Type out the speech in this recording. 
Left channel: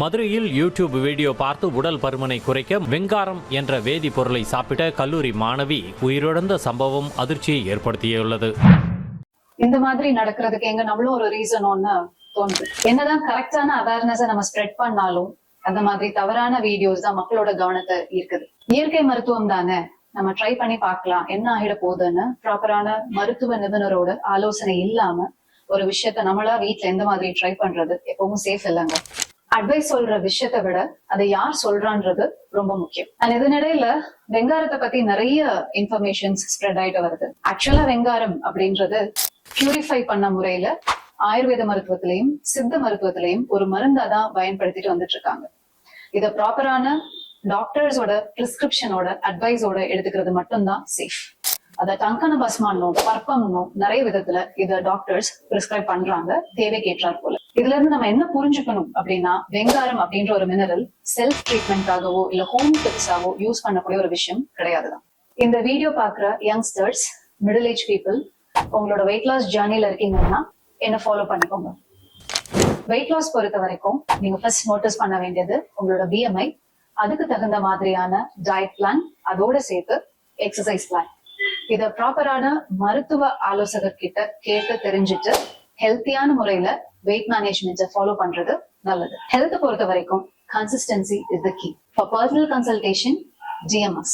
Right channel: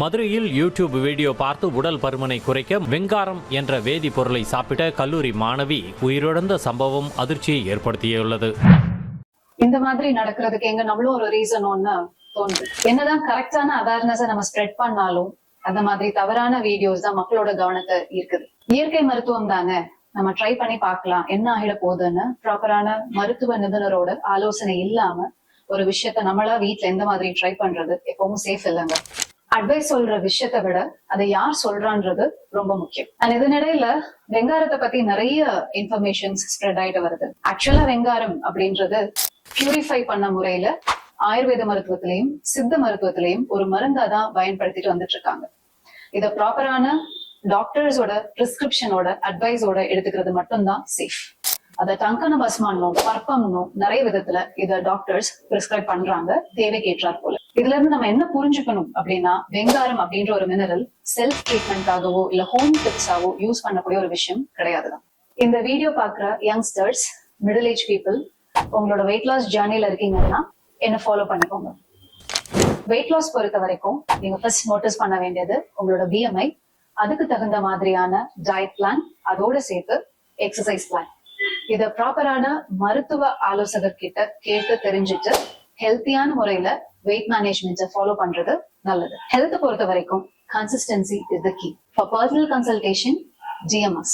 மதுரையில் YouTube video பார்த்து உடல் பருமனை குறைக்க வெங்காரம் என்ற வேதிப்பொருளை சாப்பிட்ட கல்லூரி மாணவி உயிரிழந்த சம்பவம் அதிர்ச்சியை ஏற்படுத்தியுள்ளது. இந்த மாதிரி நடக்கிறதுக்கு எங்க நம்மளும் ஒரு ரீசன் ஒன்னு தோணுது. என்னதான் கரெக்டான அவேர்னஸை நம்ம ஸ்ப்ரெட் பண்ணாலும் அந்த மாதிரி தவறான வீடியோஸ் தான் மக்களோட கவனத்தை ஈர்க்குது. இயற்கை மருத்துவம் தானே, நம்ம ட்ரை பண்ணி பார்க்கலாம், என்ன ஆகிட போகுதுன்னு ப்ராப்பரான மருத்துவ நிபுணரோட ஆலோசனை இல்லாம ஒரு விஷயத்த நம்மளா வீட்டுல எந்த மாதிரி ட்ரை பண்றது எப்பவும் சேஃப் இல்லைங்க. அட்வைஸ் சொல்ற விஷயத்தை விட அதை யார் சொல்றான்றது ரொம்ப முக்கியம். அண்ட் இதனிடையில வெங்காரத்தை பத்தி நிறைய இன்ஃபர்மேஷன்ஸ் ஸ்ப்ரெட் ஆயிட்டு வருது. ஆக்சுவலா வெங்காரம் அப்படின்றது பியூரிஃபை பண்ண முறையில ஆயுர்வேத மருத்துவத்திலையும் சித்த மருத்துவத்திலையும் ஒரு மருந்தா தான் பயன்படுத்திட்டு வந்துட்டு இருக்காங்க. இத ப்ராப்பரான டாக்டர்ஸோட பிரிஸ்கிரிப்ஷனோட அட்வைஸோட எடுத்துக்கிறது மட்டும்தான் சேஃப். அத டங்கன பஸ்மானும் பர்பம்னும் நிறைய விதத்துல இத டாக்டர்ஸ் பிரிஸ்கிரைப் பண்றாங்க தேவைக்கு ஏற்றார் போல. இதுல இருந்து நம்ம என்ன புரிஞ்சுக்கணும் அப்படின்னா, வெங்காரம் அப்படின்ற ஒரு மினரல் செல்ஃப் ட்ரீட்மெண்ட்டாகவோ இல்ல ஹோம் டிப்ஸாவோ யூஸ் பண்ணக்கூடிய ஒரு விஷயம் கிடையாதுதான். இந்த வீடியோ பாக்குற யங்ஸ்டர்ஸ், மிடில் ஏஜ் பீப்புள், உங்களோட வெயிட் லாஸ் ஜேர்னில இருக்கீங்கன்னா என்ன ஃபாலோ பண்ணிக்கோங்க. வெயிட் லாஸ் பொறுத்த வரைக்கும் நீங்க ஃபர்ஸ்ட் நோட்டீஸ் பண்ண வேண்டியது உங்களோட BMI, அதுக்கு தகுந்த மாதிரியான டயட் பிளான், அதோட சேர்த்து எக்ஸசைஸ் பிளான். இத ப்ராப்பரான மருத்துவ ஆலோசகர் கிட்ட கேட்டு தெரிஞ்சுட்டு ஹெல்த்தியான முறையில வெயிட் மேனேஜ்மெண்ட்டை ஃபாலோ பண்றது நல்லது. ஹெல்த் பொறுத்த வரைக்கும் consistency is the key. For personal consultation DMS